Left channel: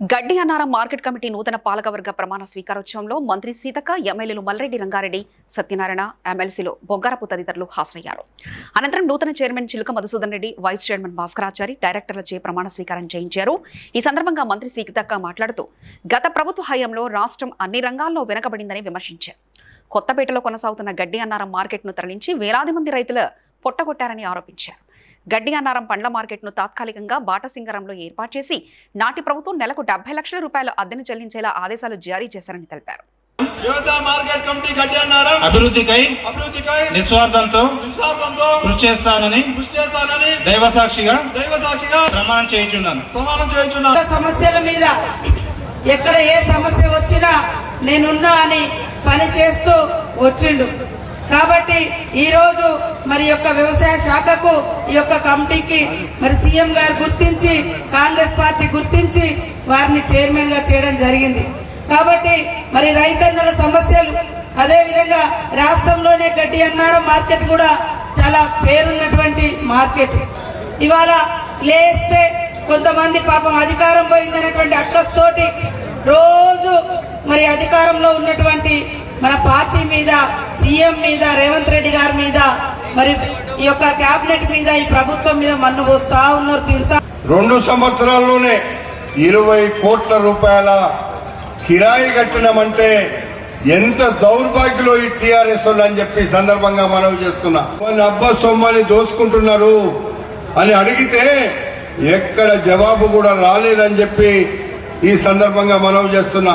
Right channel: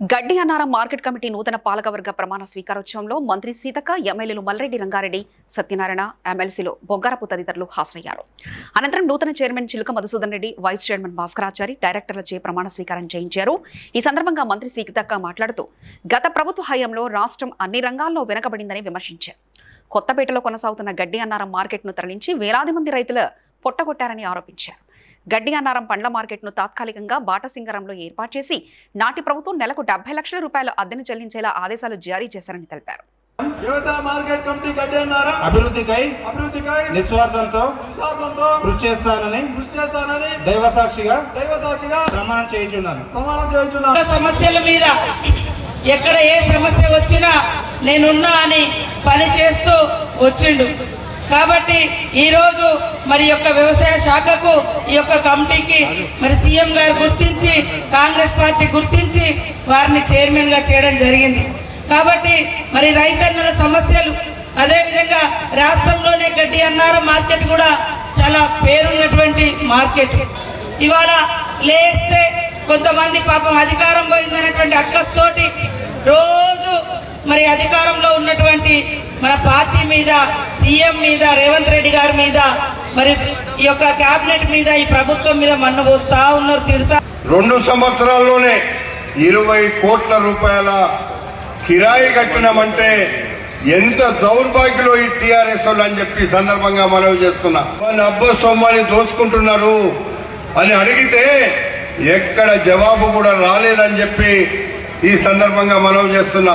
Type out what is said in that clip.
గడ్డి Annaram market committee నూతన పాలకవర్గ ప్రమాణ స్వీకారోత్సవంలో మంత్రి సీతక్క ఎమ్మెల్యేలు మల్రెడ్డి రంగారెడ్డి సత్యనారాయణ ఎమ్మెల్సీలు బొగ్గారపు తదితరులు హాజరయ్యారు. అనంతరం నూతన chairman Chiluka Madhusudan Reddy vice chairman Bhaskarachari డైరెక్టర్లచే ప్రమాణ స్వీకారం చేయించారు. ఈ సందర్భంగా మంత్రి సీతక్క మాట్లాడుతూ గత ప్రభుత్వ హయాంలో రాష్ట్రం అన్ని రంగాల్లో వెనకబడిందని విమర్శించారు. కొత్తపేటలో కొనసాగుతున్న గడ్డి అన్నారం మార్కెట్ను తరలించి వేలాది మంది రైతుల పొట్టగొట్టారని ఆరోపించారు. గడ్డి అన్నారం పండ్ల మార్కెట్ను తాత్కాలికంగా బాటసింగరంలో ఏర్పాటు చేసి నాటి ప్రభుత్వం నెలకు డెబ్బై లక్షల రూపాయల అద్దెను చెల్లించేలా ఆదేశాలు జారీ చేశారని తెలిపారు. అభివృద్ధికై నిస్వార్థంతో కృషి చేస్తానని దైవ సాక్షిగా ప్రమాణం చేయుచున్నాను. సమస్యల మీద ఎక్కడ ఏ సమస్య వచ్చినా నేనున్నా అని పని చేస్తూ వచ్చిండు. కాబట్టి ఈరోజు మరి యొక్క వ్యవసాయ శాఖకు ఈ యొక్క కమిటీకి మరి సీఎం గారు గుర్తించి కాంగ్రెస్ పార్టీ గుర్తించి వారిని చైర్మన్గా చేయడం జరిగింది. కాబట్టి మరి రైతన్నల సమస్యలు అదేవిధంగా రాష్ట్రంలోనే గడ్డి అన్నారం మార్కెట్ కూడా చాలా పేరున్నటువంటి మార్కెట్. ఇవాళ లేస్తే కొంతమంది పాపం అధికారం పోయిందనేటువంటి అక్కస్తోటి రోజు మరి అధికారంలో ఉన్నటువంటి మన పార్టీ మీద సీఎం మీద రేవంత్ రెడ్డి గారి మీద మరి ఈ యొక్క కేబినెట్ మీద ఈ ప్రభుత్వం మీద మన్ను పోస్తా ఉన్నారు తిడతా. రెండు సంవత్సరాల్లోనే ఇరవై కోట్ల రూపాయల కిరాయి కట్టినామంటే ఎంత దౌర్భాగ్యలో ఈ టీఆర్ఎస్ వాళ్ళు అని చెప్పి సందర్భంగా మనం చేస్తున్నా. మన అబ్బ సొమ్మని దోచుకుంటున్నారు అని అడిగితే ఎక్కడ జవాబు కూడా రాలేదని చెప్పి ఈ సందర్భంగా మనం చేస్తున్నా.